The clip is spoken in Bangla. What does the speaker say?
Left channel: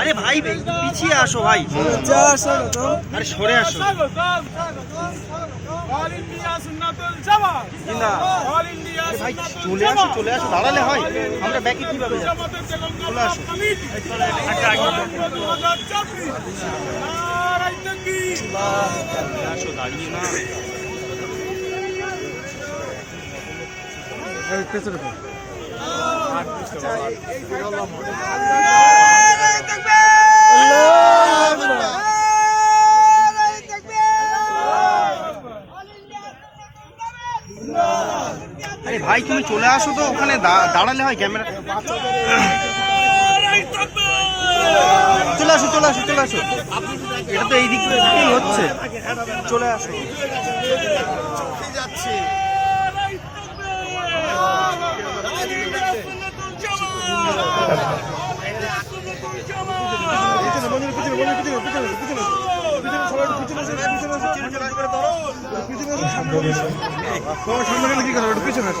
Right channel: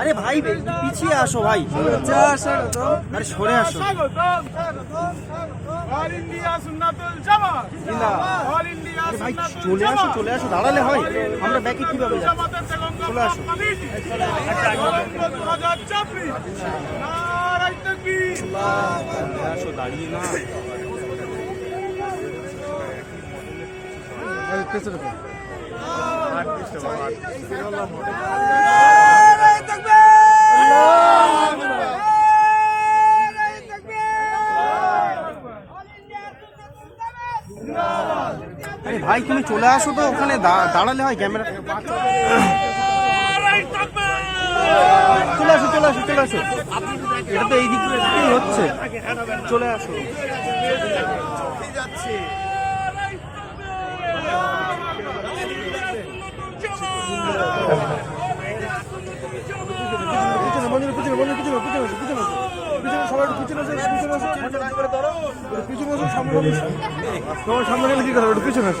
আরে ভাই পিছিয়ে আসো ভাই, আরে সরে আসো। অল ইন্ডিয়া সুন্নাতুল জামাত জিন্দাবাদ, অল ইন্ডিয়া সুন্নাতুল জামাত চলে আসো, দাঁড়ালে হয়, আমরা ব্যাকে কিভাবে যাব? জামাতের তেলেঙ্গানা কমিটি তরঙ্গ 2024 নারায়ে তাকবীর। আরে ভাই তুমি চলে আসো তো, ওখানে দাঁড়ালে হয়, ক্যামেরা চলে আসো চলে আসো চলে আসো, এটা তো এই দিক থেকেই হচ্ছে, চলে আসো। সামনে গেলে কি করো, পিছনে